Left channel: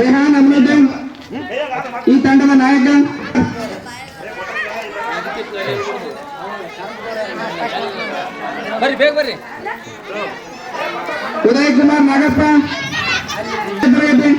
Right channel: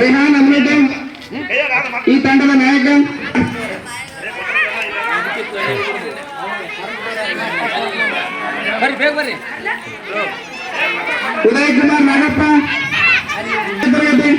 ರೆಹಾನ್ ಅಹ್ಮದ್ ಈ ತಂಡದ ನಾಯಕ. ಉದಯ್ ಕುಮಾರ್ ನಾಗಪ್ಪ. ಬರಲಿ.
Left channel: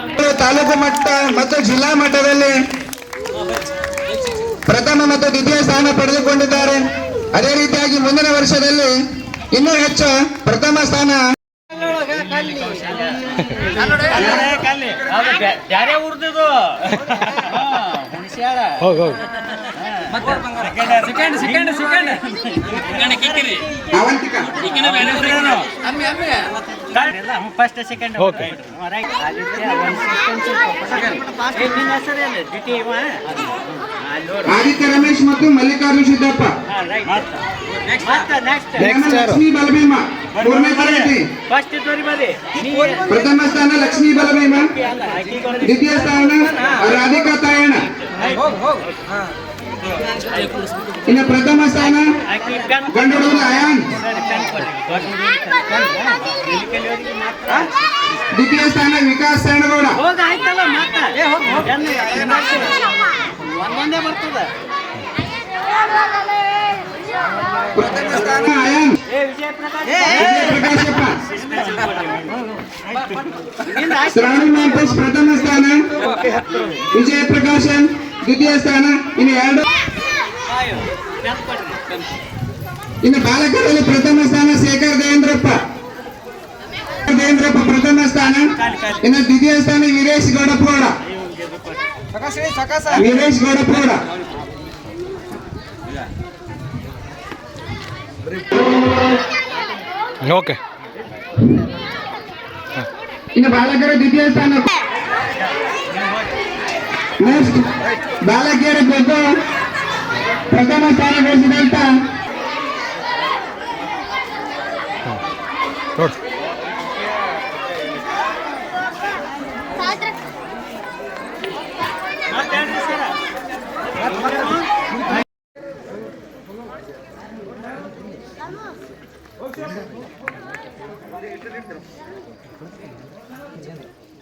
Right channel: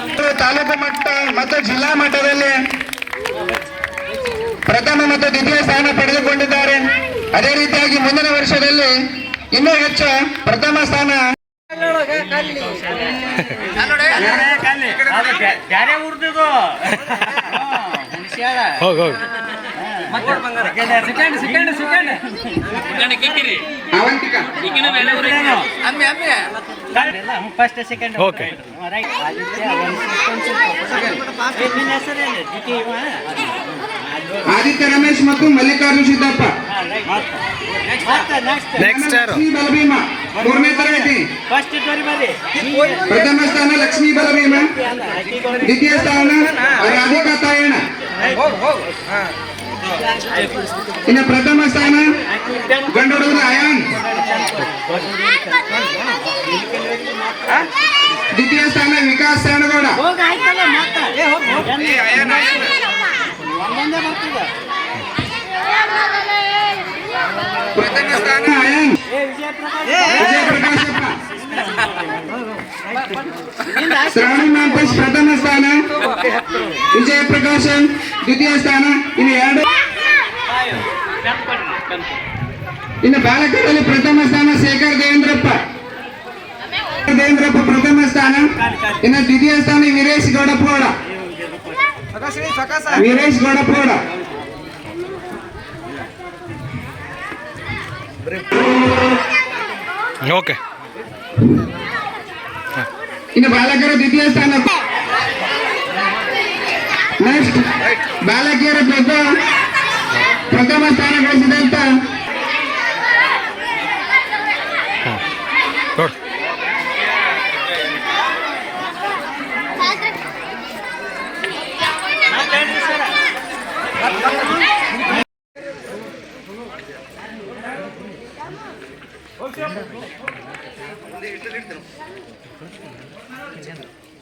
ಮತ್ತು ತಾಲೂಕು ಮಟ್ಟ ಮತ್ತು ಜಿಲ್ಲಾ ಮಟ್ಟದಲ್ಲಿ ಪ್ರಥಮ ಮತ್ತು ದ್ವಿತೀಯ ಸ್ಥಾನ ಪಡೆದುಕೊಂಡಿದ್ದಾರೆ. ಅದೇ ರೀತಿಯಾಗಿ ಮುಂದಿನ ವರ್ಷದಲ್ಲಿ ಇನ್ನೂ ಹೆಚ್ಚು ಪ್ರಥಮ ಸ್ಥಾನ ಯಾರೇ ಹೋಗಿ ಹೋಗಿ second second second first second Aditya Ramesh ಮತ್ತು ಮಲ್ಲಿಕಾರ್ಜುನ್ ಸಿದ್ದಪ್ಪ ನೆಕ್ಸ್ಟ್ ಯಾರು? ಬಲಭೀಮ ಮೂರನೇ ತರಗತಿ. ಪ್ರಥಮ ಸ್ಥಾನ ಲಕ್ಷ್ಮೀ ಬಲಭೀಮ. ದ್ವಿತೀಯ ಸ್ಥಾನ ರಾಧಿಕಾ ತಾಯಣ್ಣ. ಇನ್ನು ಪ್ರಥಮ ಸ್ಥಾನ ಗಂಡು ಹುಡುಗ ಅಯಾನ್ ದ್ವಿತೀಯ ಸ್ಥಾನ ವಿಕಾಸ್ ಸೇನಗೌಡ ಪ್ರಥಮ ಸ್ಥಾನ ಶ್ರಾವಣಿ ಮ್ಯಾಂಪಸ್ ಪ್ರಥಮ ಸ್ಥಾನ. ವಿಜಯ ಪ್ರಕಾಶನ್ ದ್ವಿತೀಯ ಸ್ಥಾನ. ಇನ್ನು ಎರಡು. ಇನ್ನು ಬಾಲಕರಲ್ಲಿ ಪ್ರಥಮ ಸ್ಥಾನ ಶೇಖರ್ ದೇವೇಂದ್ರಪ್ಪ ದೇವೇಂದ್ರಪ್ಪ ಪ್ರಥಮ ಸ್ಥಾನ. ಇನ್ನು ದ್ವಿತೀಯ ಸ್ಥಾನ ವೀರೇಶ್ ಗೌಡಪ್ಪಗೌಡ. ವೀರೇಶ್ ಗೌಡಪ್ಪಗೌಡ. ಓಕೆ. ಇನ್ನು ಬಾಲಕರ ದ್ವಿತೀಯ ಸ್ಥಾನ. ನೆಕ್ಸ್ಟ್ ಬಾಲಕಿಯರ ಪ್ರಥ ಪ್ರಥಮ ಸ್ಥಾನ ಗಳಿಸಿದಂತ ನೋಡಿ. 我这边。